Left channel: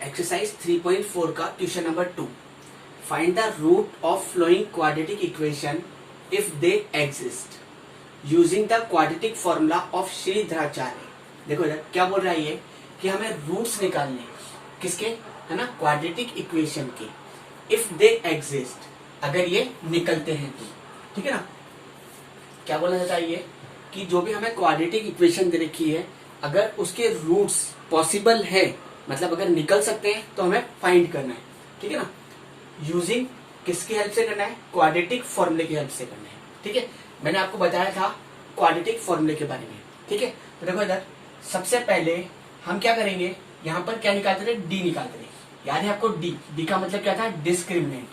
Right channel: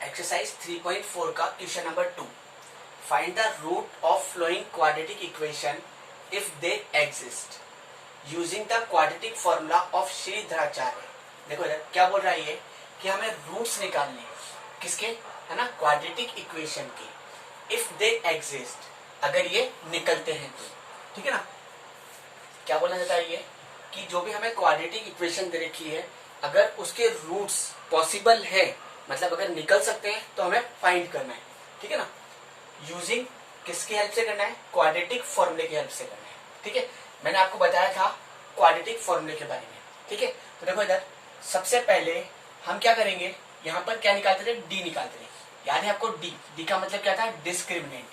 Exercise 3.4 का question number 2। Find the root of flowing quadratic equation if they exist using the quadratic formula of Shridharacharya. देखो यार क्या बोल रहा है ये कि हमें रूट्स निकालने किसके, है ना, क्वाड्रेटिक इक्वेशन के। इफ दे एग्जिस्ट, अगर ये निकलते हैं तो, ठीक है ना। क्या बोलना चाहता है ये कि जो भी हमें क्वाड्रेटिक इक्वेशन दे रखी है, अगर उसके रूट्स पॉसिबल है, मतलब अगर निकल सकते हैं तो हमें फाइंड करना है, ठीक है ना। यूजिंग किसकी हेल्प से करना है, क्वाड्रेटिक फॉर्मूले की हेल्प से करना है, ठीक है। मैंने आपको बताया था क्वाड्रेटिक फॉर्मूले के बारे में, ठीक है। तो देखो इधर सबसे पहले हम क्या करेंगे, यहाँ पर क्या निकालते थे, डी निकालते थे। याद है आपको, डी का मतलब क्या था, डिस्क्रिमिनेंट,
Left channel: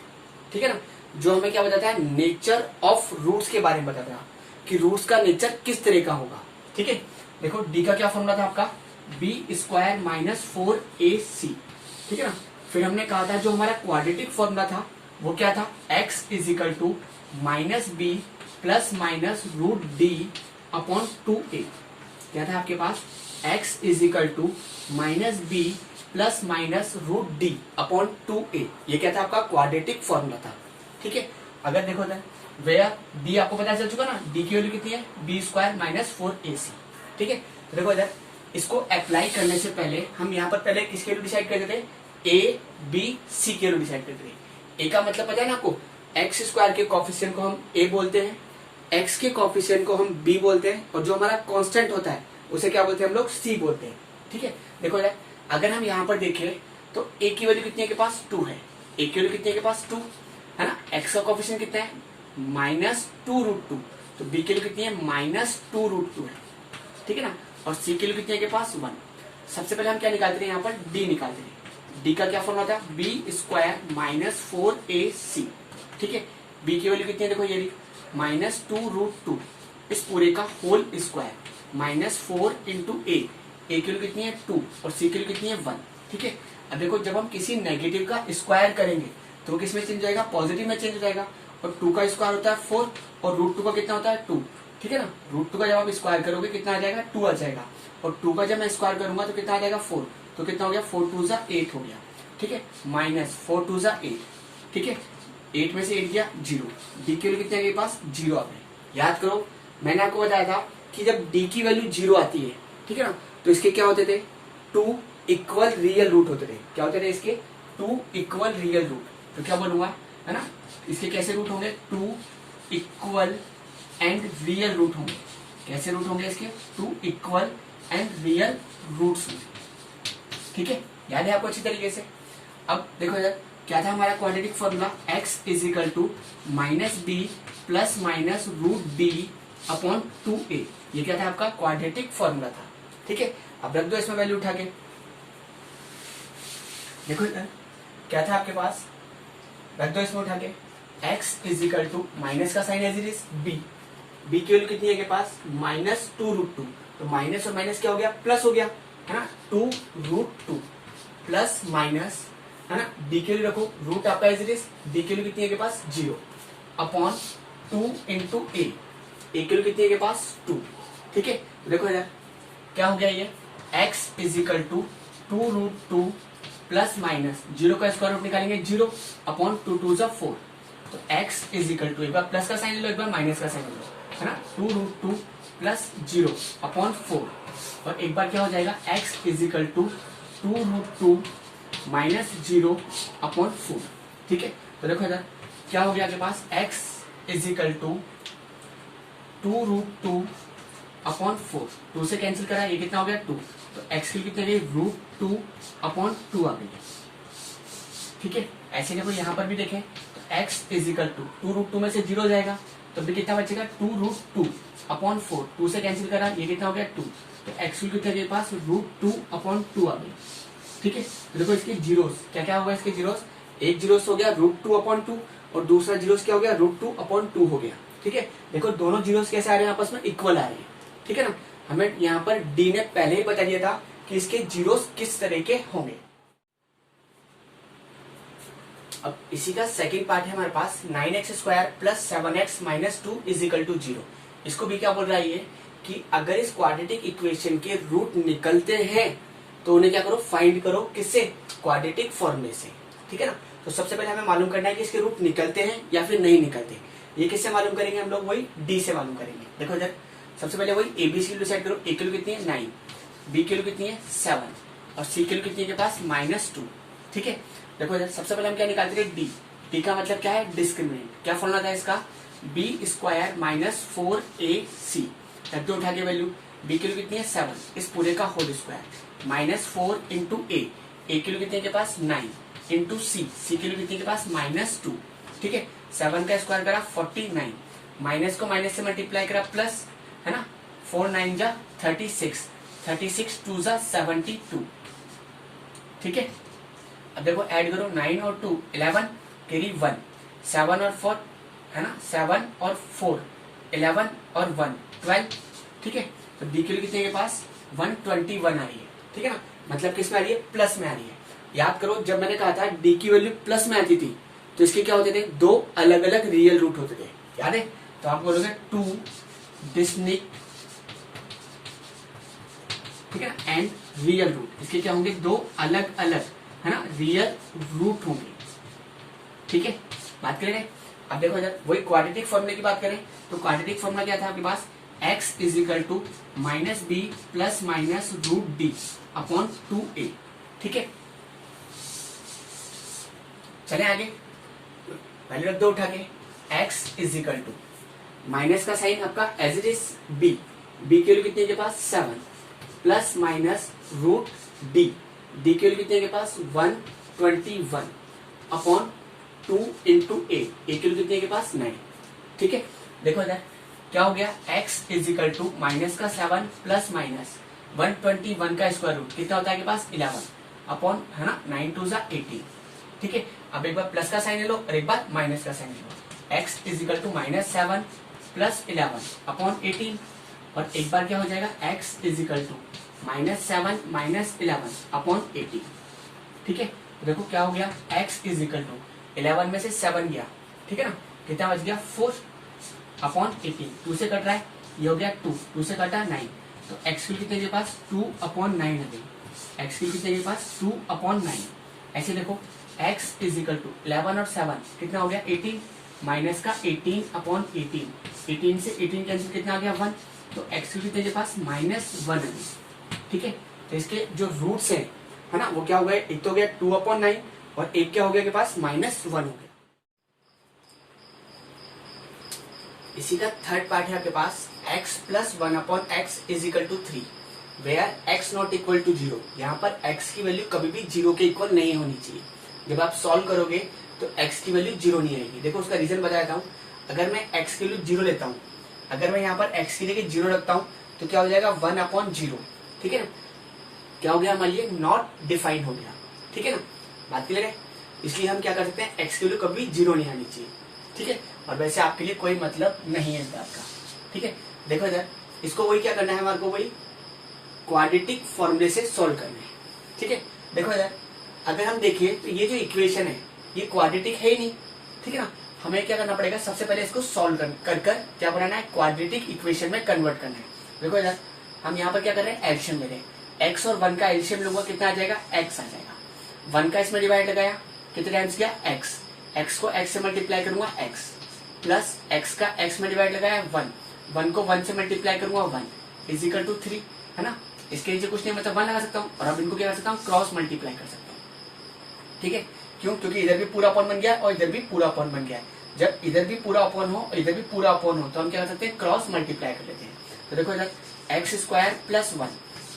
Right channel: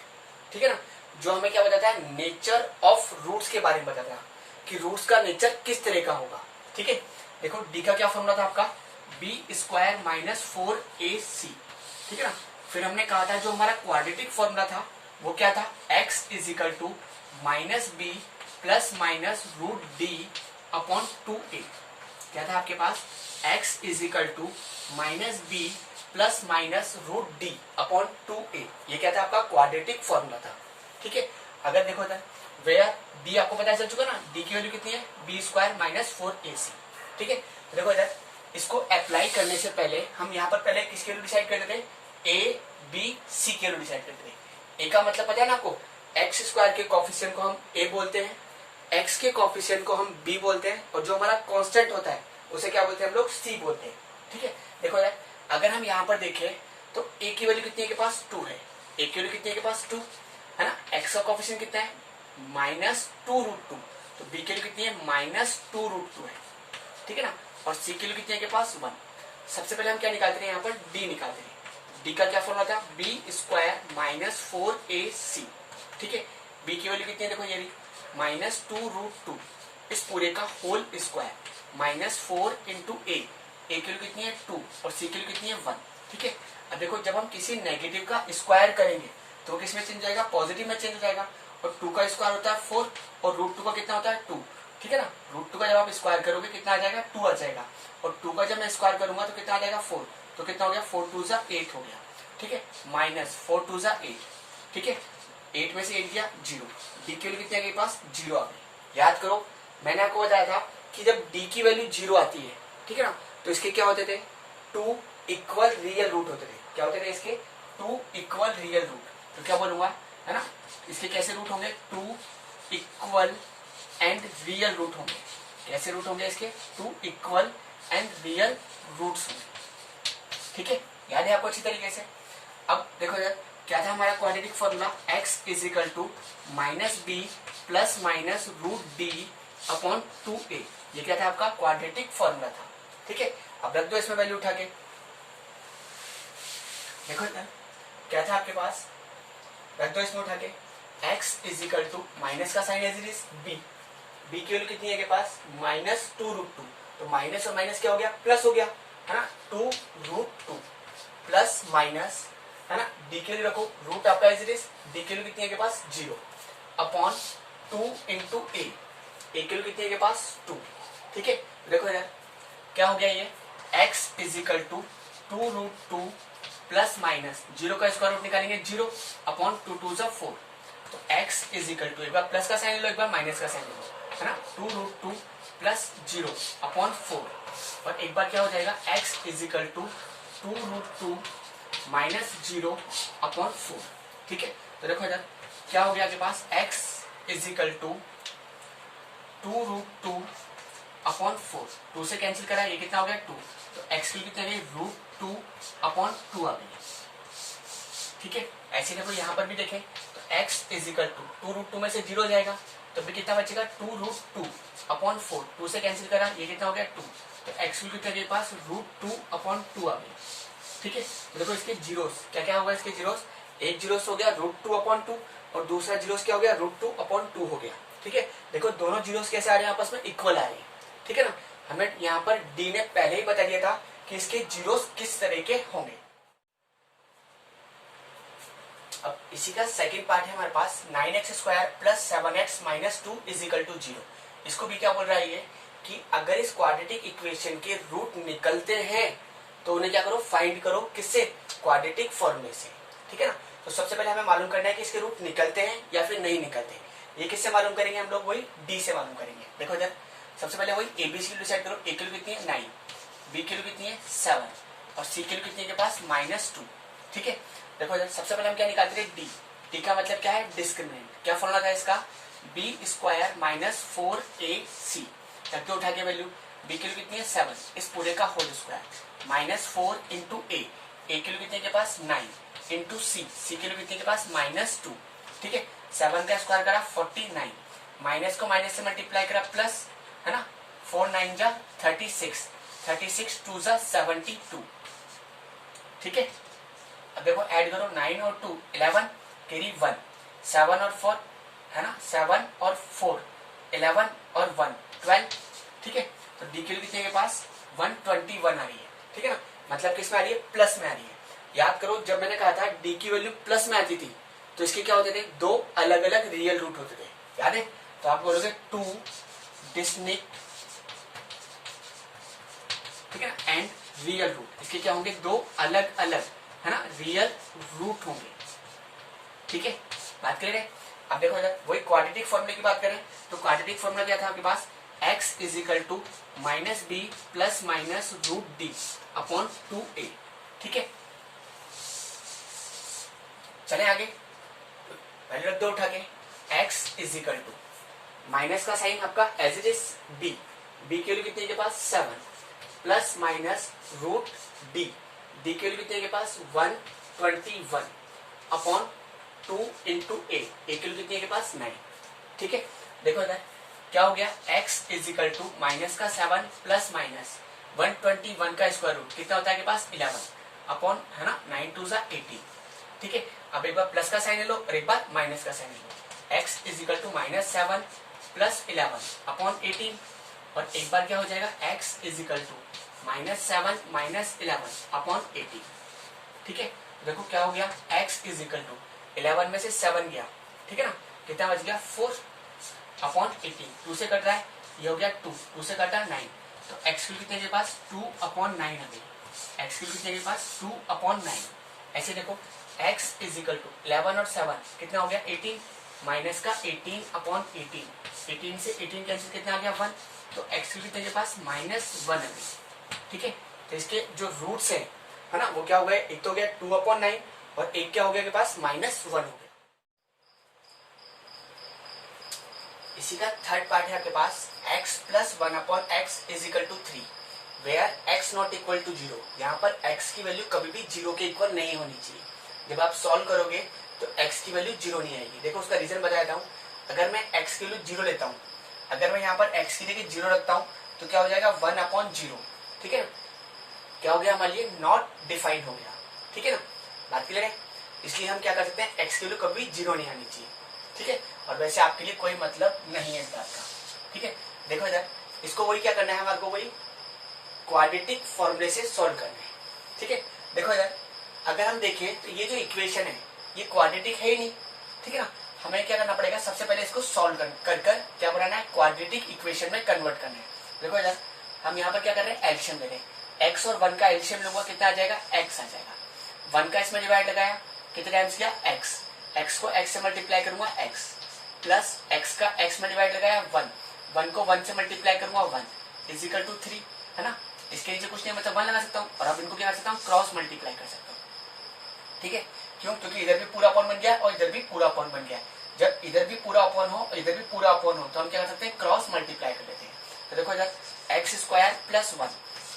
ठीक है ना। जो हमें क्या बताता है, नेचर ऑफ रूट्स के बारे में बताता है कि रूट्स का नेचर किस तरह का होगा, ठीक है। देखो डी का क्या फॉर्मूला था आपका, बी स्क्वायर माइनस 4ac, ठीक है ना। फिर हमने कहा था जो हमारा क्वाड्रेटिक फॉर्मूला था वो क्या था, x is equal to minus B plus minus root D upon 2a। क्या था आपके पास, x is equal to minus B plus minus root D upon 2a। ये क्या था आपका क्वाड्रेटिक फॉर्मूला था, ठीक है। अगर देखो इधर वेयर b आपको पता चल चुका ना, d की वैल्यू कितनी है, बी स्क्वायर माइनस 4ac, ठीक है। देखो इधर इसको अप्लाई करने से पहले हम यहाँ पर पहले किसके वैल्यू डिसाइड करते थे, ए बी सी के वैल्यू डिसाइड करते थे। ए का मतलब पता है ना आपको, एक्स स्क्वायर के कोफिशिएंट को हम ए बोलते हैं, एक्स के कोफिशिएंट को हम बी बोलते हैं, और जो हमारा कांस्टेंट होता है उसे क्या बोलते हैं हम लोग, सी बोलते हैं, ठीक है। देखो यार अगर हम यहाँ पर देखें तो ए की वैल्यू कितनी है के पास, 2 है। ए की वैल्यू कितनी है के पास, 2 है ना। एक्स का कोफिशिएंट कितना है, -2√2। तो बी की वैल्यू कितनी है, -2√2 है, ठीक है ना। और सी की वैल्यू कितनी है के पास, 1। सबसे पहले हम क्या निकालते हैं, यहाँ पर डी निकालते हैं। डी का क्या फॉर्मूला था, बी स्क्वायर माइनस 4ac, ठीक है। बी की वैल्यू कितनी है, देखो ये -2√2, इस पूरे का होल स्क्वायर माइनस 4 इंटू ए की वैल्यू कितनी है 2 और सी की वैल्यू कितनी है 1, ठीक है। अब देखो जब हम किसी नेगेटिव का स्क्वायर करेंगे तो वो किस में चेंज हो जाएगा, पॉजिटिव में चेंज हो जाएगा। और 2 का स्क्वायर होता है 4 और √2 का कितना होता है 2, ठीक है ना। √2 का जब आप स्क्वायर करोगे कितना आ जाएगा, 2 आ जाएगा। और 2 का जब मैं स्क्वायर करूंगा तो कितना आ जाएगा, 4। तो कितना हो गया, 4 2 जा 8 हो गया, ठीक है। माइनस 4 2 जा 8, ठीक है। 8 में से 8 गया 0। डी की वैल्यू कितनी आ गई पास, 0 आ गई। याद करो मैंने आपको बताया था कि जब डी की वैल्यू 0 आती है, ठीक है ना, तो इसके क्या होते थे, 2 इक्वल रियल रूट होते थे। क्या होते थे इसके, 2 इक्वल रियल रूट। तो क्या बोलूंगा, है ना, इसके कैसे रूट होंगे, 2 इक्वल एंड रियल रूट होंगे। कैसे रूट होंगे इसके, 2 इक्वल एंड रियल रूट्स होंगे, ठीक है। याद है आपको अच्छी तरीके से। अब देखो यार क्या था हमारा quadratic formula, x is equal to minus B plus minus root D upon 2a। ये क्या था आपका क्वाड्रेटिक फॉर्मूला था, ठीक है। अब रख दो इसमें वैल्यू उठा के। देखो क्या था आपके पास, रख दो इसमें उठा के। x is equal to minus का sign as it is b की वैल्यू कितनी है के पास, -2√2। तो माइनस और माइनस क्या हो गया, प्लस हो गया, है ना। 2√2 प्लस माइनस, है ना, डी के लिए रखो रूट आपका एज इट इज, डी के लिए कितनी है के पास 0 अपॉन 2 इंटू ए की वैल्यू कितनी है के पास 2, ठीक है। तो देखो यार क्या हो गया ये, x is equal to 2√2 plus minus 0 का स्क्वायर रूट निकालेंगे 0 अपॉन 2 2 जा 4। तो x इज इक्वल टू, एक बार प्लस का साइन ले लो, एक बार माइनस का साइन ले लो, है ना। 2√2 प्लस 0 अपॉन 4 और एक बार क्या हो जाएगा, x is equal to 2√2 minus 0 upon 4, ठीक है। तो देखो इधर क्या हो गया आपके पास, x is equal to 2√2 upon 4, 2 से कैंसिल करा, ये कितना हो गया 2। तो x की कितनी आ गई, √2 अपॉन 2 आ गई, ठीक है। ऐसे देखो यहाँ पर भी देखें तो x इज इक्वल टू 2√2 में से 0 जाएगा तो भी कितना बचेगा, 2√2 अपॉन 4, 2 से कैंसिल करा, ये कितना हो गया 2। तो x की कितने के पास √2 अपॉन 2 आ गई, ठीक है। तो देखो इसके जीरोस क्या क्या होगा, इसके जीरोस, एक जीरोस हो गया √2 अपॉन 2 और दूसरा जीरोस क्या हो गया, √2 अपॉन 2 हो गया, ठीक है। देखो दोनों जीरोस कैसे आ रहे हैं, आपस में इक्वल आ रहे हैं, ठीक है ना। हमें यहाँ पर डी ने पहले ही बता दिया था कि इसके जीरोस किस तरह के होंगे। अब इसी का सेकंड पार्ट है हमारे पास, 9x square plus 7x minus 2 is equal to 0। इसको भी क्या बोल रहा है ये कि अगर इस क्वाड्रेटिक इक्वेशन के रूट निकलते हैं तो उन्हें क्या करो, फाइंड करो, किससे, क्वाड्रेटिक फॉर्मूले से, ठीक है ना। तो सबसे पहले हमें मालूम करना है कि इसके रूट निकलते हैं या फिर नहीं निकलते। ये किससे मालूम करेंगे हम लोग, वही डी से मालूम करेंगे। देखो इधर सबसे पहले वही ए बी सी की डिसाइड करो। ए की वैल्यू कितनी है 9, बी की वैल्यू कितनी है 7 और सी की वैल्यू कितनी है के पास -2, ठीक है। देखो इधर सबसे पहले हम क्या निकालते थे, डी। डी का मतलब क्या है, डिस्क्रिमिनेंट। क्या फॉर्मूला था इसका, बी स्क्वायर माइनस 4ac, करके उठा के वैल्यू। बी की वैल्यू कितनी है 7, इस पूरे का होल स्क्वायर -4 इंटू ए की वैल्यू कितनी है के पास 9 इंटू सी की वैल्यू कितनी है के पास -2, ठीक है। 7 का स्क्वायर करा 49, माइनस को माइनस से मल्टीप्लाई करा प्लस, है ना, 4 9 जा 36, 36 2 जा 72, ठीक है। अब देखो ऐड करो 9 और 2 11 कैरी 1, 7 और 4, है ना, 7 और 4 11 और 1 12, ठीक है। तो डी की वैल्यू कितनी है के पास 121 आ रही है, ठीक है ना। मतलब किस में आ रही है, प्लस में आ रही है। याद करो जब मैंने कहा था डी की वैल्यू प्लस में आती थी तो इसके क्या होते थे, दो अलग अलग रियल रूट होते थे, याद है। तो आप बोलोगे 2 डिस्टिंक्ट, ठीक है ना, एंड रियल रूट। इसके क्या होंगे, दो अलग अलग, है ना, रियल रूट होंगे, ठीक है। बात करें अब देखो इधर वही क्वाड्रेटिक फॉर्मूले की बात करें तो क्वाड्रेटिक फॉर्मूला क्या था आपके पास, x is equal to minus B plus minus root D upon 2a, ठीक है। चले आगे, पहले रख दो उठा के, x is equal to minus का साइन आपका as it is b, b की वैल्यू कितनी है के पास 7 plus minus root d, d की वैल्यू कितनी है के पास 121 अपॉन 2 इंटू ए की वैल्यू कितनी है के पास 9, ठीक है। देखो इधर क्या हो गया, x is equal to minus का 7 प्लस माइनस 121 का स्क्वायर रूट कितना होता है के पास 11 अपॉन, है ना, 9 2 जा 18, ठीक है। अब एक बार प्लस का साइन ले लो और एक बार माइनस का साइन ले लो। x is equal to -7 plus 11 upon 18 और एक बार क्या हो जाएगा, x is equal to -7 minus 11 upon 18, ठीक है। तो देखो क्या हो गया, x इज इक्वल टू 11 में से 7 गया, ठीक है ना, कितना बच गया 4 अपॉन 18, 2 से कट रहा है, ये हो गया 2 से कटा 9, तो x की कितने के पास 2 अपॉन 9 है भाई, x की कितने के पास 2 अपॉन 9। ऐसे देखो x इज इक्वल टू 11 और 7 कितना हो गया 18, माइनस का 18 अपॉन 18, 18 से 18 कैंसिल कितना आ गया 1, तो x की कितने के पास -1 है, ठीक है। तो इसके जो रूट्स है ना, वो क्या हो गए, एक तो हो गया 2 अपॉन 9 और एक क्या हो गया के पास -1 हो गया। इसी का थर्ड पार्ट है आपके पास x plus 1 upon X is equal to 3 where x not equal to 0। यहाँ पर x की वैल्यू कभी भी 0 के इक्वल नहीं होनी चाहिए। जब आप सॉल्व करोगे तो x की वैल्यू 0 नहीं आएगी। देखो उसका रीजन बता देता हूँ। अगर मैं x की वैल्यू 0 लेता हूँ, अगर मैं यहाँ पर x की जगह 0 रखता हूँ तो क्या हो जाएगा 1 अपॉन 0, ठीक है ना। क्या हो गया हमारे लिए, नॉट डिफाइंड हो गया, ठीक है ना। बात क्लियर है। इसलिए हम क्या कर सकते हैं, x की वैल्यू कभी 0 नहीं आनी चाहिए, ठीक है। और वैसे आपके लिए कोई मतलब नहीं है इस बात का, ठीक है। देखो इधर इसको वही क्या करना है, हमारे को वही क्वाड्रेटिक फॉर्मूले से सॉल्व करना है, ठीक है। देखो इधर अगर हम देखें तो ये जो इक्वेशन है ये क्वाड्रेटिक है ही नहीं, ठीक है ना। हमें क्या करना पड़ेगा, सबसे पहले इसको सॉल्व कर क्या बनाना है, क्वाड्रेटिक इक्वेशन में कन्वर्ट करना है। देखो इधर हम यहाँ पर क्या कर रहे हैं, एलसीएम ले रहे हैं। x और 1 का एलसीएम लूंगा कितना आ जाएगा, x आ जाएगा। 1 का इसमें डिवाइड लगाया, कितने टाइम्स किया x को x से मल्टीप्लाई करूंगा x, प्लस x का x में डिवाइड लगाया 1 को 1 से मल्टीप्लाई करूंगा 1 इज इक्वल टू 3, है ना। इसके नीचे कुछ नहीं, मतलब 1 लगा सकता हूँ और अब इनको क्या कर सकता हूँ, क्रॉस मल्टीप्लाई कर सकता हूँ, ठीक है। क्यों, क्योंकि इधर भी पूरा अपॉन बन गया और इधर भी पूरा अपॉन बन गया। जब इधर भी पूरा अपॉन हो और इधर भी पूरा अपॉन हो तो हम क्या कर सकते हैं, क्रॉस मल्टीप्लाई कर लेते हैं। तो देखो इधर एक्स स्क्वायर प्लस 1,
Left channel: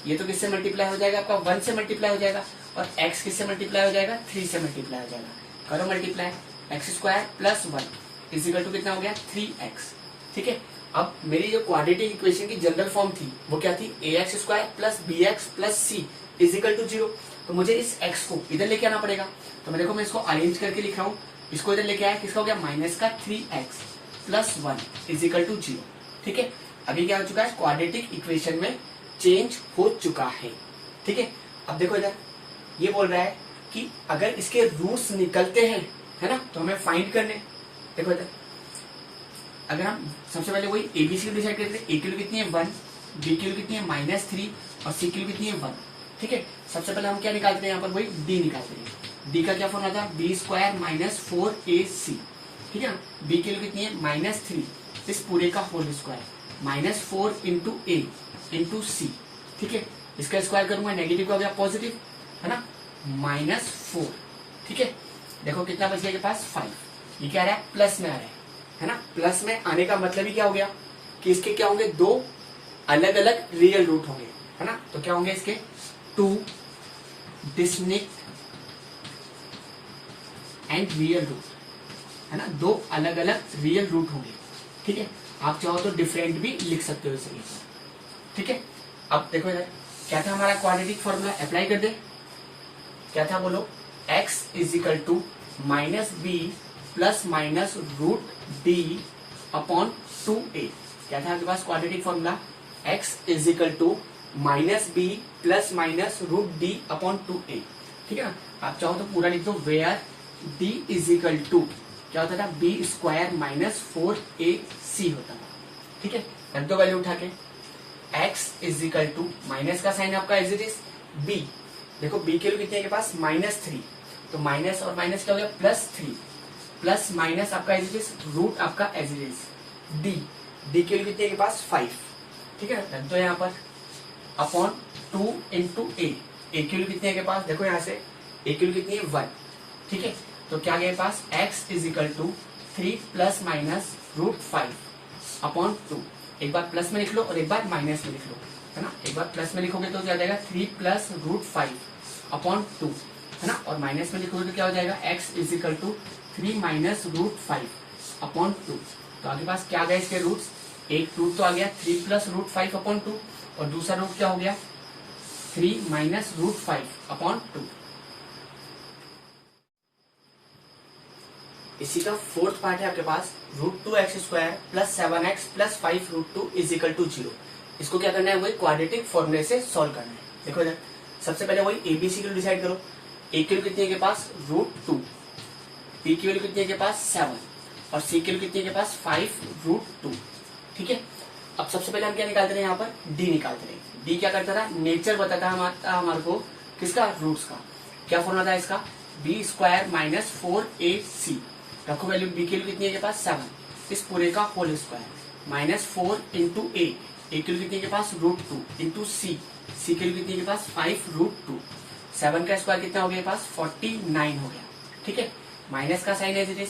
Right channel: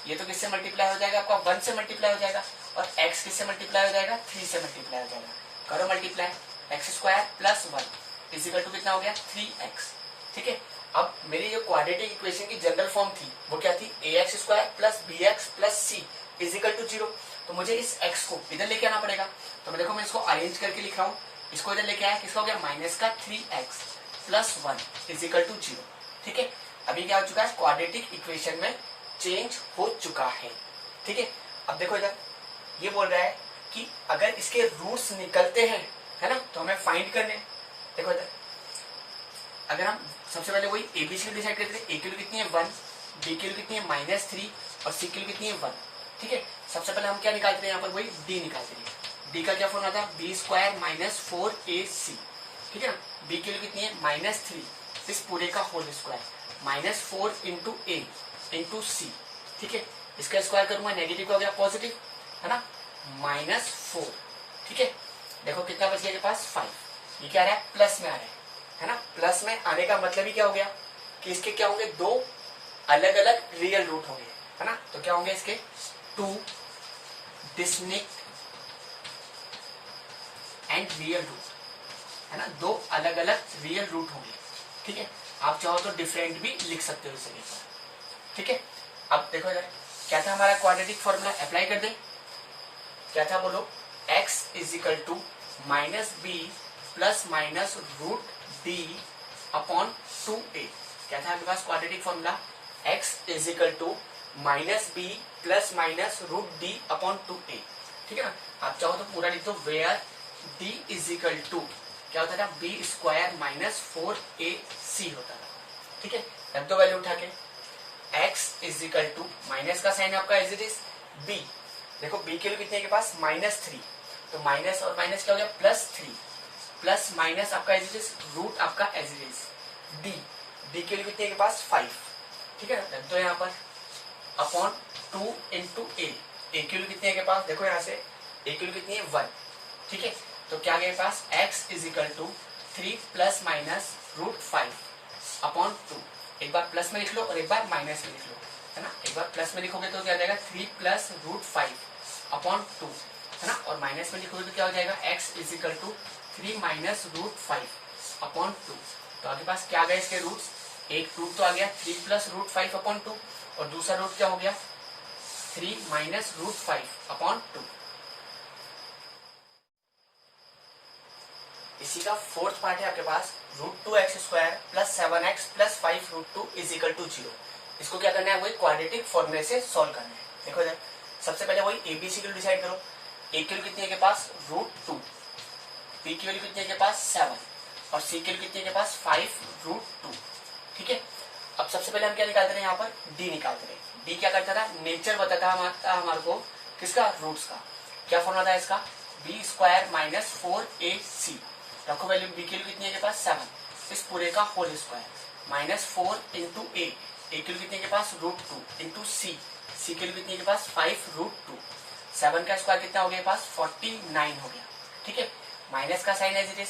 ये तो किससे मल्टीप्लाई हो जाएगा, आपका 1 से मल्टीप्लाई हो जाएगा, और x किससे मल्टीप्लाई हो जाएगा, 3 से मल्टीप्लाई हो जाएगा। करो multiply, X square plus 1 is equal to कितना हो गया 3x, ठीक है। अब मेरी जो क्वाड्रेटिक इक्वेशन की जनरल फॉर्म थी वो क्या थी, ax square plus bx plus c is equal to 0। तो मुझे इस x को इधर लेके आना पड़ेगा। तो मैं देखो मैं इसको अरेंज करके लिख रहा हूँ, इसको इधर लेके आया, किसका हो गया माइनस का 3x plus 1 is equal to 0, ठीक है। अभी क्या हो चुका है, क्वाड्रेटिक इक्वेशन में चेंज हो चुका है, ठीक है। अब देखो इधर ये बोल रहा है कि अगर इसके रूट्स निकलते हैं, है ना, तो हमें फाइंड करने। देखो इधर अगर हम सबसे पहले वही एबीसी डिसाइड करते हैं, ए की वैल्यू कितनी है 1, बी की वैल्यू कितनी है -3 और सी की वैल्यू कितनी है 1, ठीक है। सबसे पहले हम क्या निकालते हैं यहाँ पर, वही डी निकालते हैं। डी का क्या फॉर्मूला था, बी स्क्वायर माइनस 4ac, ठीक है ना। बी की वैल्यू कितनी है, -3, इस पूरे का होल स्क्वायर, -4 इंटू ए इंटू सी, ठीक है। इसका स्क्वायर करूंगा, नेगेटिव का हो गया पॉजिटिव, है ना, -4, ठीक है। देखो कितना बच गया के पास 5, ये क्या आ रहा है, प्लस में आ रहा है ना। प्लस में आने का मतलब ही क्या हो गया कि इसके क्या होंगे, दो अलग अलग रियल रूट होंगे, है ना। तो क्या होंगे इसके, 2 डिस्टिंक्ट एंड रियल रूट, है ना, दो अलग अलग रियल रूट होंगे, ठीक है। आप चाहो तो डिफरेंट भी लिख सकते हो इस तरीके पर, ठीक है। अब देखो इधर क्या था हमारा क्वाड्रेटिक फॉर्मूला, अप्लाई कर दे। क्या था बोलो, x is equal to minus B plus minus root D upon 2a। क्या था आपके पास quadratic formula, x is equal to minus B plus minus root D upon 2a, ठीक है ना। आप चाहो तो पूरा लिख दो, where d is equal to क्या होता था, बी स्क्वायर माइनस 4ac होता था, ठीक है। रख दो वैल्यू उठा के, x is equal to, minus का साइन आपका एज इट इज b, देखो b के लिए कितने के पास -3, तो माइनस और माइनस क्या हो गया, +3, प्लस माइनस आपका एज इट इज रूट आपका एज इट इज d के लिए कितने के पास 5, ठीक है ना। रख दो यहाँ पर अपॉन 2 इंटू ए के लिए कितने के पास, देखो यहाँ से a के लिए कितनी है 1, ठीक है। तो क्या गया पास, x is equal to 3 plus minus root 5 upon 2, एक बार प्लस में लिख लो और एक बार माइनस में लिख लो, है ना। एक बार प्लस में लिखोगे तो क्या हो जाएगा, 3 प्लस रूट 5 अपॉन 2, है ना, और माइनस में लिखोगे तो क्या हो जाएगा, x is equal to 3 minus root 5 upon 2। तो आपके पास क्या गया इसके रूट्स, एक रूट तो आ गया 3 प्लस रूट 5 अपॉन 2, और दूसरा रूट क्या हो गया 3 माइनस रूट 5 अपॉन 2। इसी का फोर्थ पार्ट है आपके पास, √2x square plus 7x plus 5√2 is equal to 0। इसको क्या करना है, वही क्वाड्रेटिक फॉर्मूले से सॉल्व करना है। देखो इधर सबसे पहले वही एबीसी की वैल्यू डिसाइड करो। ए की वैल्यू कितनी है के पास, √2, बी की वैल्यू कितनी है के पास 7, और सी की वैल्यू कितनी है के पास 5√2, ठीक है। अब सबसे पहले हम क्या निकालते रहे, यहाँ पर डी निकालते रहे। डी क्या करता था, नेचर बताता हमारे को किसका, रूट्स का। क्या फॉर्मूला था इसका, बी स्क्वायर माइनस 4ac, रखो वैल्यू, बी की वैल्यू कितनी है के पास 7, इस पूरे का होल स्क्वायर, -4 इंटू ए की वैल्यू कितनी है के पास √2 इंटू सी की वैल्यू कितनी है के पास 5√2, 7 का स्क्वायर कितना हो गया पास 49 हो गया, ठीक है। माइनस का साइन एज इट इज।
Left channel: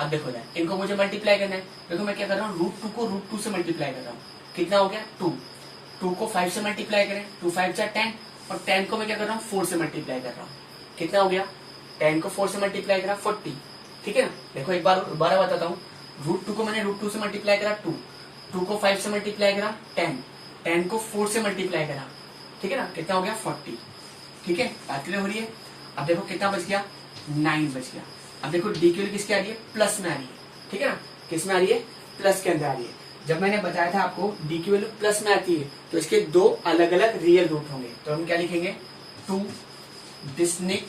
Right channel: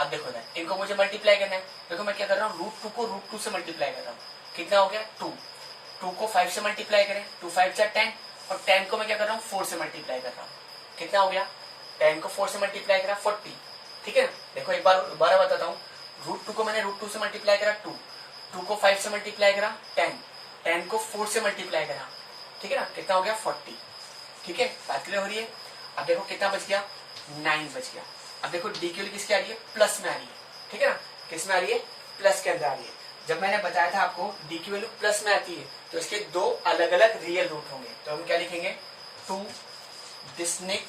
अब देखो ना, इनको मुझे मल्टीप्लाई करना है। देखो मैं क्या कर रहा हूँ, √2 को √2 से मल्टीप्लाई कर रहा हूँ, कितना हो गया 2 को 5 से मल्टीप्लाई करें, 2 5 जा 10, और 10 को मैं क्या कर रहा हूँ 4 से मल्टीप्लाई कर रहा हूँ, कितना हो गया, 10 को 4 से मल्टीप्लाई करा 40, ठीक है ना। देखो एक बार दोबारा बताता हूँ, √2 को मैंने √2 से मल्टीप्लाई करा 2 को 5 से मल्टीप्लाई करा 10 को 4 से मल्टीप्लाई करा, ठीक है ना, कितना हो गया 40, ठीक है। बात क्लियर हो रही है। अब देखो कितना बच गया, 9 बच गया। अब देखो डी की वैल्यू किसकी आ रही है, प्लस में आ रही है, ठीक है ना, किस में आ रही है, प्लस के अंदर आ रही है। जब मैंने बताया था आपको डी की वैल्यू प्लस में आती है तो इसके दो अलग अलग रियल रूट होंगे, तो हम क्या लिखेंगे, 2 डिस्टिंक्ट,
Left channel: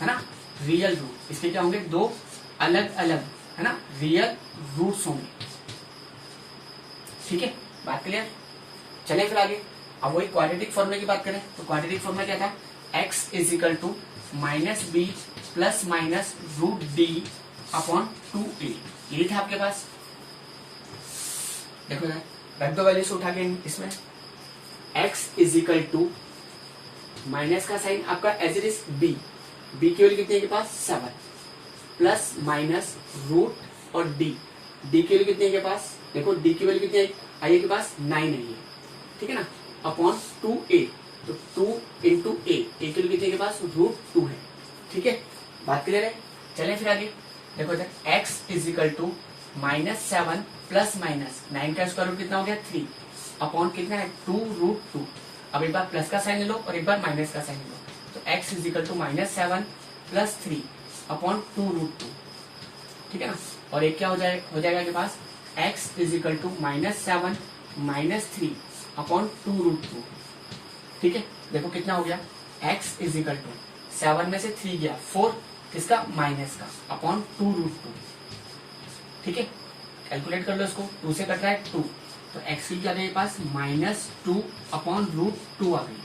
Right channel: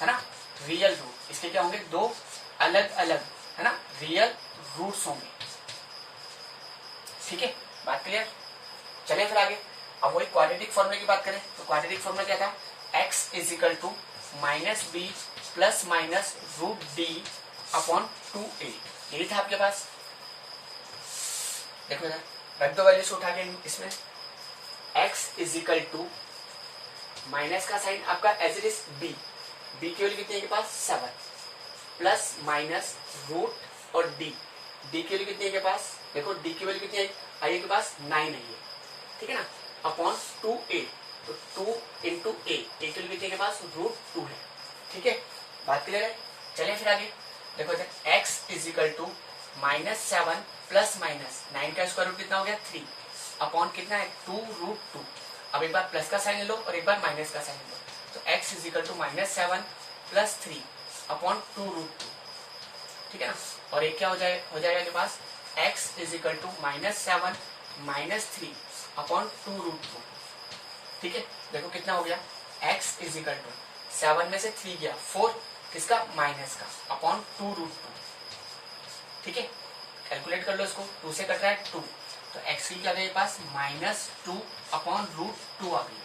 है ना, रियल रूट। इसके क्या होंगे, दो अलग अलग, है ना, रियल रूट्स होंगे, ठीक है। बात क्लियर। चलिए फिर आगे, अब वही क्वाड्रेटिक फॉर्मूले की बात करें तो क्वाड्रेटिक फॉर्मूला क्या था, x is equal to -b plus minus root D upon 2a, ये था आपके पास। देखो यार, रख दो वैल्यूज उठा के इसमें, x is equal to, minus का साइन आपका एज इट इज b की वैल्यू कितनी है के पास 7, प्लस माइनस रूट और d की वैल्यू कितनी है के पास, देखो d की वैल्यू कितनी आई है के पास 9 आई है, ठीक है ना, अपॉन 2a, तो 2 इंटू ए की वैल्यू कितनी है के पास √2 है, ठीक है। बात क्लियर है। चलिए फिर आगे देखो इधर, x is equal to -7 plus minus 9 का स्क्वायर रूट कितना हो गया 3 अपॉन कितना है 2√2। अब एक बार प्लस का साइन ले लो और एक बार माइनस का साइन ले लो, तो x is equal to -7 plus 3 upon 2√2, ठीक है ना। और एक क्या हो जाएगा के पास, x is equal to -7 minus 3 upon 2√2, ठीक है। देखो कितना हो गया, x इज इक्वल टू 7 में से 3 गया 4, किसका, माइनस का, अपॉन 2√2, ठीक है। कैलकुलेट कर लो इसको, 2 से कट रहा है 2, तो x की क्या आ गई पास -2 अपॉन √2 आ गई,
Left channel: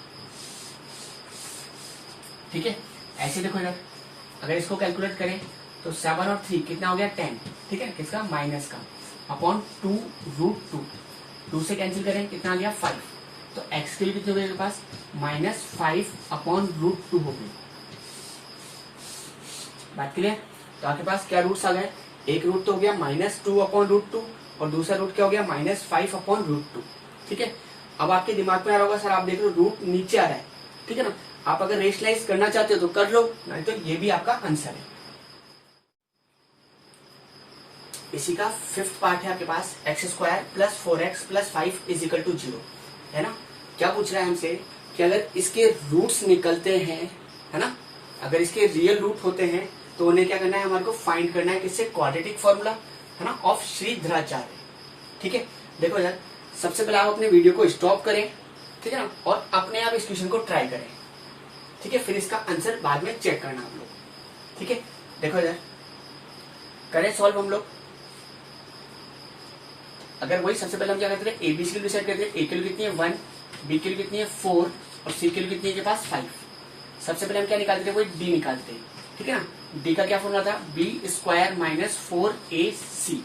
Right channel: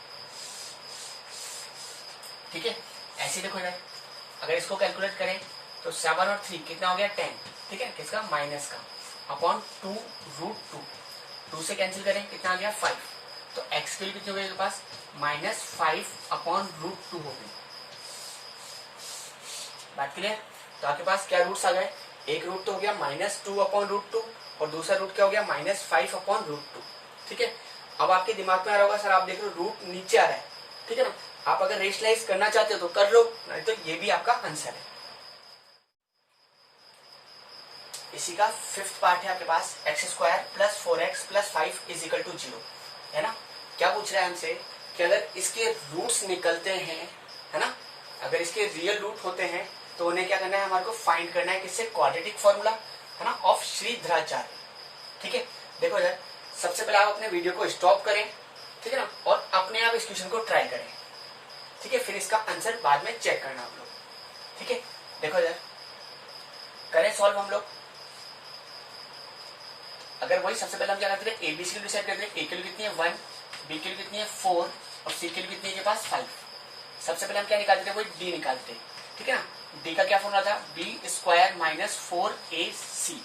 ठीक है। ऐसे देखो इधर, अगर इसको कैलकुलेट करें तो 7 और 3 कितना हो गया 10, ठीक है, किसका माइनस का, अपॉन 2√2, 2 से कैंसिल करें कितना आ गया 5, तो x के लिए कितनी हो गई पास -5/√2 हो गई। बात क्लियर। तो आपके पास क्या रूट्स आ गए, एक रूट तो हो गया -2/√2 और दूसरा रूट क्या हो गया -5/√2, ठीक है। अब आपके दिमाग में आ रहा होगा सर आप देख रहे हो रूट नीचे आ रहा है, ठीक है ना, आप अगर रेशनलाइज करना चाहते हो तो कर लो, नहीं तो ये भी आपका आंसर है। इसी का फिफ्थ पार्ट है आपके पास x² + 4x + 5 = 0, है ना। क्या पूछ रहा है हमसे कि अगर इसके रूट्स निकलते हैं, है ना, अगर इसके रियल रूट होते हैं तो उन्हें क्या करना है, हमारे को फाइंड करना है किससे, क्वाड्रेटिक फॉर्मूला, है ना, ऑफ श्रीधराचार्य, ठीक है। देखो यार, सबसे पहले आप अपने वीडियो को स्टॉप करें, ठीक है ना, और अपने आप इस क्वेश्चन को ट्राई करें, ठीक है, फिर इसका आंसर बाद में चेक करना आप लोग, ठीक है। देखो यार, करें सॉल्व हम लोग। अगर वही सबसे पहले हम क्या करते थे, एबीसी की वैल्यू डिसाइड करते थे, ए की वैल्यू कितनी है 1, बी की वैल्यू कितनी है 4 और सी की वैल्यू कितनी है के पास 5। सबसे पहले हम क्या निकालते थे, वही डी निकालते थे, ठीक है ना। डी का क्या फॉर्मूला था, b² - 4ac,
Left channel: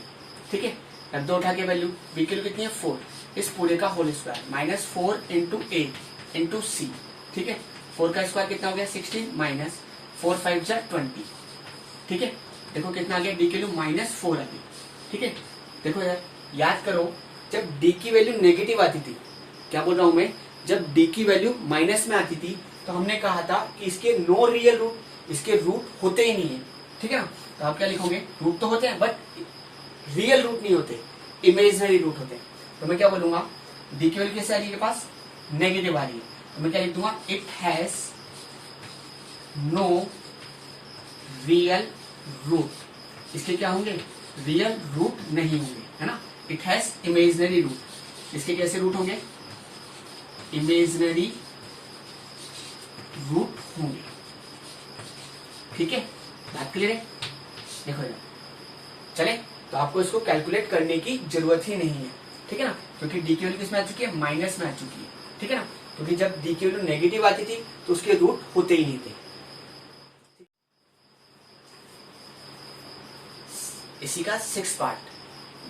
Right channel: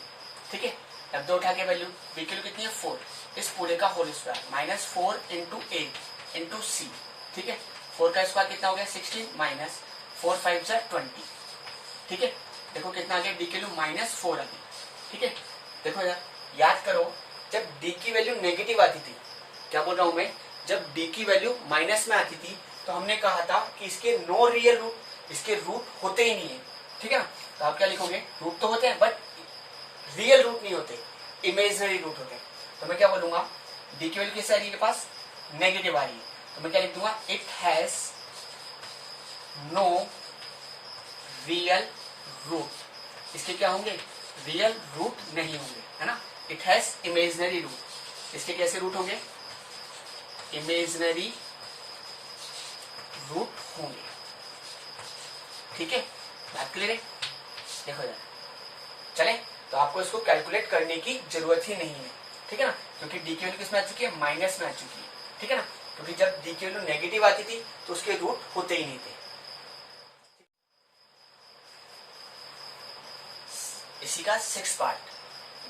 ठीक है। अब 2 उठा के वैल्यू, बी की वैल्यू कितनी है 4, इस पूरे का होल स्क्वायर -4 × a × c, ठीक है। 4 का स्क्वायर कितना हो गया 16 -4 5 = 20, ठीक है। देखो कितना आ गया, डी की वैल्यू -4 आ गई, ठीक है। देखो यार, याद करो जब d की वैल्यू नेगेटिव आती थी, क्या बोल रहा हूं मैं, जब d की वैल्यू माइनस में आती थी तो हमने कहा था कि इसके नो रियल रूट, इसके रूट होते ही नहीं है, ठीक है ना। तो आप क्या लिखोगे, रूट तो होते हैं बट रियल रूट नहीं होते, इमेजिनरी रूट होते हैं। तो मैं क्या बोलूंगा, d की वैल्यू कैसे आ रही है के पास, नेगेटिव आ रही है, तो मैं क्या लिख दूंगा, it has no real root. इसके क्या होंगे, रियल रूट नहीं होंगे, है ना। इट हैज इमेजिनरी रूट, इसके कैसे रूट होंगे, इमेजिनरी रूट होंगे, ठीक है। बात क्लियर है। देखो यार, चले, तो आपको इसको कैलकुलेट करने की जरूरत ही नहीं है, ठीक है ना, क्योंकि डी की वैल्यू किसमें आ चुकी है, माइनस में आ चुकी है, ठीक है ना। क्योंकि जब डी की वैल्यू नेगेटिव आती थी तो उसके रूट होते ही नहीं थे। इसी का सिक्स पार्ट,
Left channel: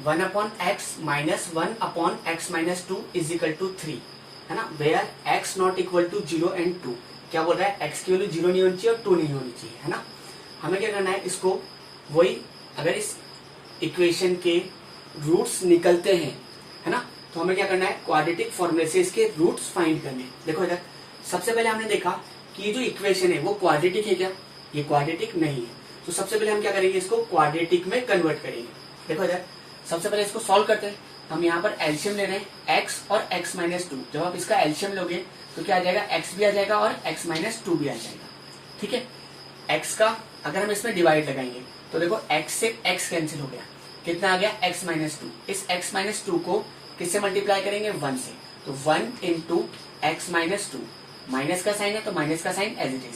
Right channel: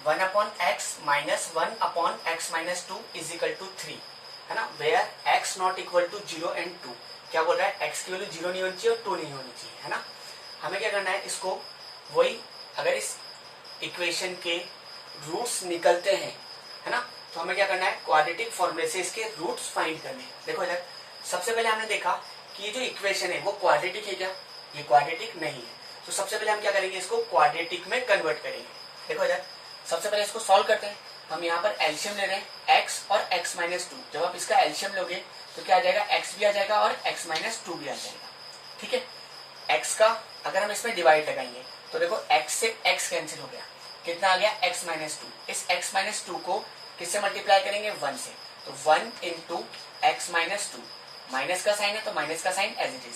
1/x - 1/x - 2 = 3, है ना, where x not equal to 0 and 2। क्या बोल रहा है, x की वैल्यू 0 नहीं होनी चाहिए और 2 नहीं होनी चाहिए, है ना। हमें क्या करना है, इसको वही, अगर इस इक्वेशन के रूट्स निकलते हैं, है ना, तो हमें क्या करना है, क्वाड्रेटिक फॉर्मूले से इसके रूट्स फाइंड करने हैं। देखो इधर, सबसे पहले हमने देखा कि ये जो इक्वेशन है वो क्वाड्रेटिक है क्या, ये क्वाड्रेटिक नहीं है, तो सबसे पहले हम क्या करेंगे, इसको क्वाड्रेटिक में कन्वर्ट करेंगे। देखो इधर, सबसे पहले इसको सॉल्व करते हैं। हम यहाँ पर एलसीएम ले रहे हैं x और x - 2। जब आप इसका एलसीएम लोगे तो क्या आ जाएगा, x भी आ जाएगा और x - 2 भी आ जाएगा, ठीक है। x का अगर हम इसमें डिवाइड लगाएंगे तो देखो x से x कैंसिल हो गया, कितना आ गया x - 2। इस x - 2 को किससे मल्टीप्लाई करेंगे, 1 से, तो 1 × x - 2, माइनस का साइन है तो माइनस का साइन एज इट इज।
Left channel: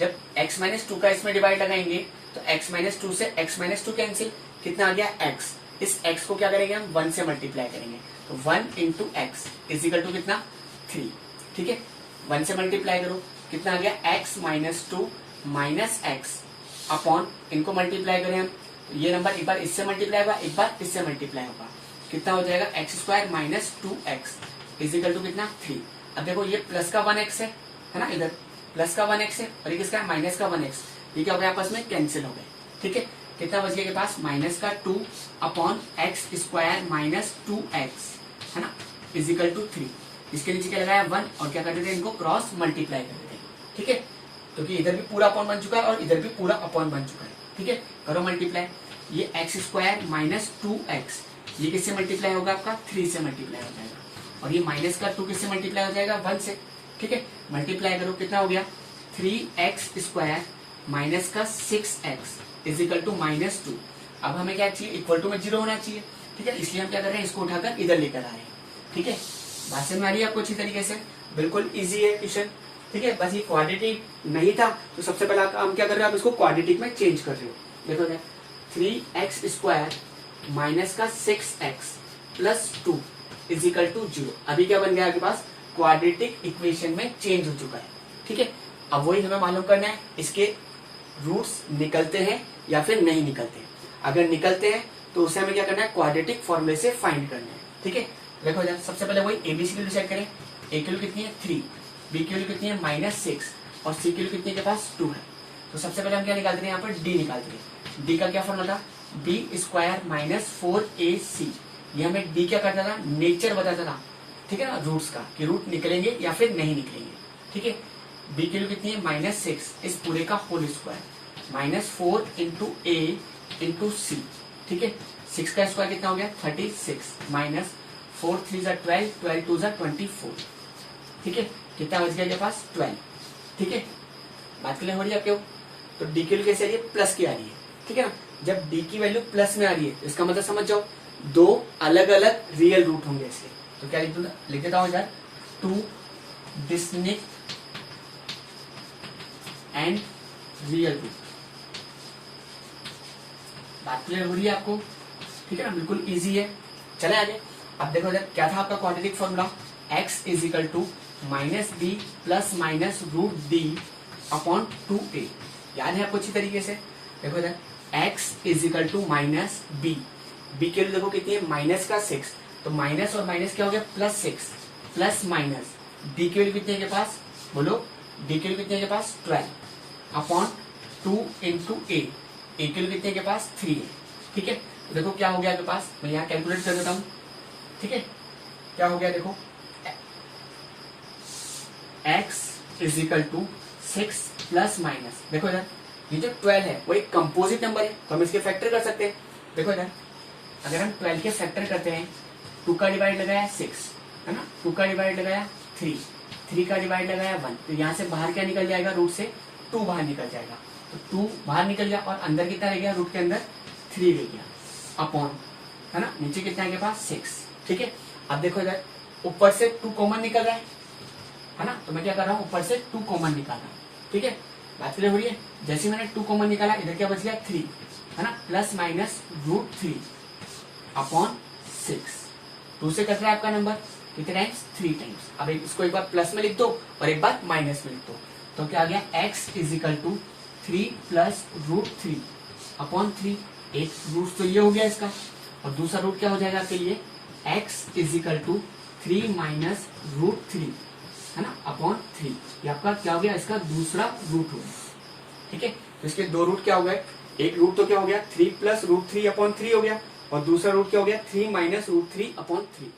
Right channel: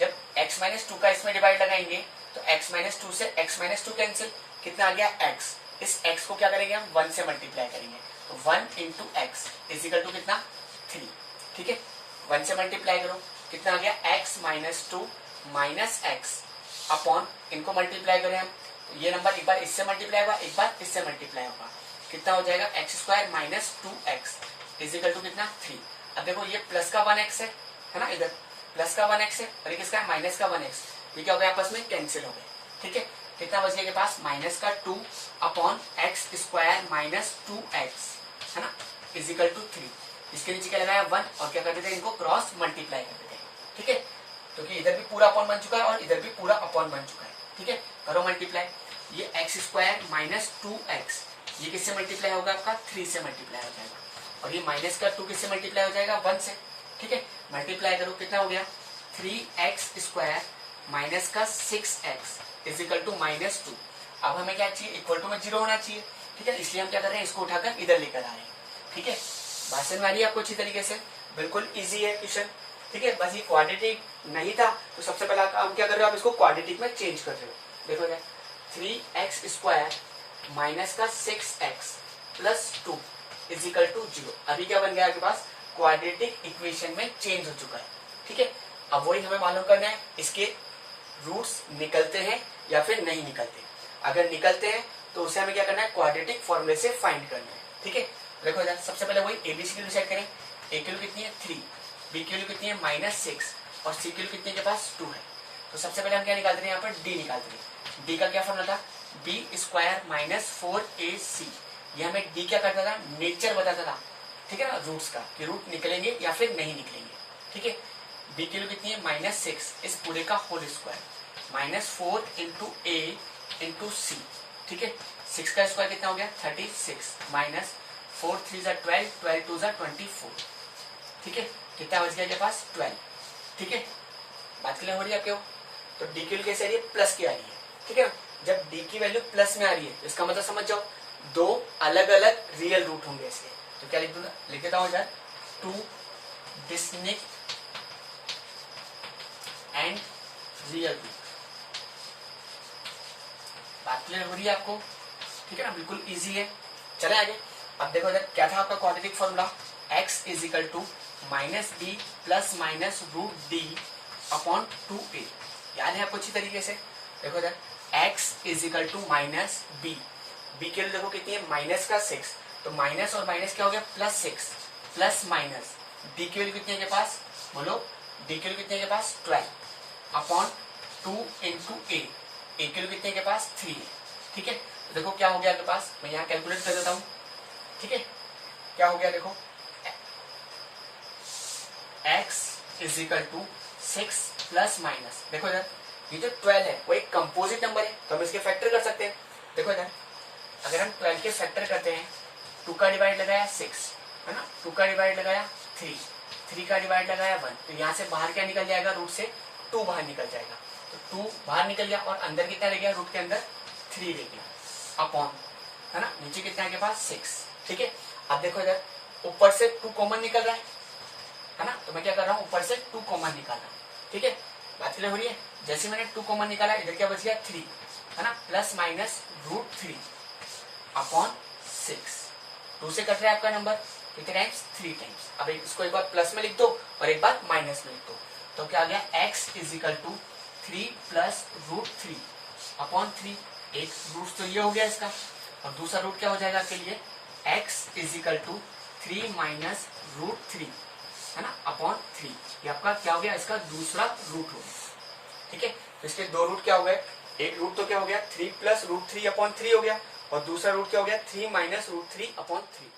जब x - 2 का इसमें डिवाइड लगाएंगे तो x - 2 से x - 2 कैंसिल, कितना आ गया x। इस x को क्या करेंगे हम 1 से मल्टीप्लाई करेंगे, तो 1 × x = कितना 3, ठीक है। 1 से मल्टीप्लाई करो, कितना आ गया x - 2 - x अपॉन, इनको मल्टीप्लाई करें हम, तो ये नंबर एक बार इससे मल्टीप्लाई होगा, एक बार इससे मल्टीप्लाई होगा, कितना हो जाएगा x² - 2x = कितना 3। अब देखो ये प्लस का 1x है ना, इधर प्लस का 1x है और ये किसका है, माइनस का 1x, ये क्या हो गया आपस में कैंसिल हो गए, ठीक है। कितना बच गया के पास, माइनस का 2 अपॉन x² - 2x, है ना, = 3। इसके नीचे क्या लगाया 1 और क्या करते थे, इनको क्रॉस मल्टीप्लाई करते थे, ठीक है, क्योंकि इधर भी पूरा अपॉन बन चुका है और इधर भी पूरा अपॉन बन चुका है, ठीक है। करो मल्टीप्लाई, ये x² - 2x, ये किससे मल्टीप्लाई होगा आपका 3 से मल्टीप्लाई हो जाएगा, और ये माइनस का 2 किससे मल्टीप्लाई हो जाएगा 1 से, ठीक है। मल्टीप्लाई करो, कितना हो गया 3x² माइनस का 6x = -2। अब हमें क्या चाहिए, इक्वल टू में 0 होना चाहिए, ठीक है, इसलिए हम क्या कर रहे हैं, इसको उठाकर इधर लेकर आ रहे हैं, ठीक है। बात समझ में आ रही है आपको अच्छी तरीके से, बिल्कुल इजी है क्वेश्चन, ठीक है। बस ये क्वाड्रेटिक नहीं था तो सबसे पहले हम क्या कर रहे हो, आप इसको क्वाड्रेटिक में चेंज कर रहे हो। देखो क्या, 3x² माइनस का 6x प्लस 2 = 0। अभी क्या बन गया आपके पास, क्वाड्रेटिक इक्वेशन में चेंज हो चुका है, ठीक है। अब वही हमें मालूम करना है इसके रूट्स निकलते हैं या फिर नहीं निकलते। अगर निकलते हैं तो उसे हमें क्या करना है, क्वाड्रेटिक फॉर्मूले से फाइंड करना है। ठीक है, देखो यार सबसे पहले वही एबीसी की वैल्यू डिसाइड करें। ए की वैल्यू कितनी है 3, बी की वैल्यू कितनी है -6 और सी की वैल्यू कितनी के पास 2 है। तो सबसे पहले हम क्या निकालते हैं, यहाँ पर डी निकालते हैं। डी का क्या फॉर्मूला था, बी स्क्वायर -4ac। ये हमें डी क्या करता था, नेचर बताता था। ठीक है ना, रूट्स का कि रूट निकलेंगे या फिर नहीं निकलेंगे। ठीक है, बी की वैल्यू कितनी है -6, इस पूरे का होल स्क्वायर -4 इंटू ए इंटू सी। ठीक है, 6 का स्क्वायर कितना हो गया 36 माइनस 4 3 जा 12, 12 2 जा 24। ठीक है, कितना बच गया आपके पास 12। ठीक है, बात क्लियर हो रही है आपके? तो डी की वैल्यू कैसे आ रही है, प्लस की आ रही है। ठीक है ना, जब डी की वैल्यू प्लस में आ रही है इसका मतलब समझ जाओ दो अलग अलग रियल रूट होंगे इसके। तो क्या लिख देता हूं यार, 2 डिस्टिंक्ट एंड रियल रूट। बात क्लियर हो रही है आपको? ठीक है ना, बिल्कुल इजी है। चले आगे। अब देखो यार क्या था आपका quadratic formula, x is equal to -b plus minus root D upon 2a। याद है आपको अच्छी तरीके से? देखो यार x is equal to minus B, B के लिए देखो कितनी है -6, तो माइनस और माइनस क्या हो गया +6 प्लस माइनस डी की वैल्यू कितनी है के पास, बोलो डी की वैल्यू कितनी है के पास 12 अपॉन 2 इंटू ए की वैल्यू कितने के पास 3 है। ठीक है, तो देखो क्या हो गया आपके पास, मैं यहाँ कैलकुलेट कर देता हूँ। ठीक है, क्या हो गया देखो, x is equal to 6 plus minus, देखो इधर ये जो 12 है वो एक कंपोजिट नंबर है तो हम इसके फैक्टर कर सकते हैं। देखो इधर अगर हम 12 के फैक्टर करते हैं, 2 का डिवाइड लगाया 6 है ना, 2 का डिवाइड लगाया 3, 3 का डिवाइड लगाया 1, तो यहाँ से बाहर क्या निकल जाएगा, रूट से 2 बाहर निकल जाएगा। तो 2 बाहर निकल गया और अंदर कितना रह गया, रूट के अंदर 3 रह गया अपॉन, है ना, नीचे कितना है के पास 6। ठीक है, अब देखो इधर ऊपर से 2 कॉमन निकल रहा है ना, तो मैं क्या कर रहा हूँ ऊपर से 2 कॉमन निकाल रहा हूँ। ठीक है, बात क्लियर हो रही है? जैसे मैंने 2 कॉमन निकाला इधर क्या बच गया 3, है ना, प्लस माइनस रूट 3 अपॉन 6। 2 से कट रहा है आपका नंबर कितने टाइम्स, 3 टाइम्स। अब इसको एक बार प्लस में लिख दो और एक बार माइनस में लिख दो, तो क्या आ गया x is equal to 3 plus root 3 upon 3। एक रूट तो ये हो गया इसका, और दूसरा रूट क्या हो जाएगा आपके लिए, x is equal to 3 minus root 3, है ना, अपॉन 3। ये आपका क्या हो गया, इसका दूसरा रूट हो गया। ठीक है, तो इसके 2 रूट क्या हो गए, एक रूट तो क्या हो गया 3 प्लस रूट 3 अपॉन 3 हो गया, और दूसरा रूट क्या हो गया 3 माइनस रूट 3 अपॉन 3।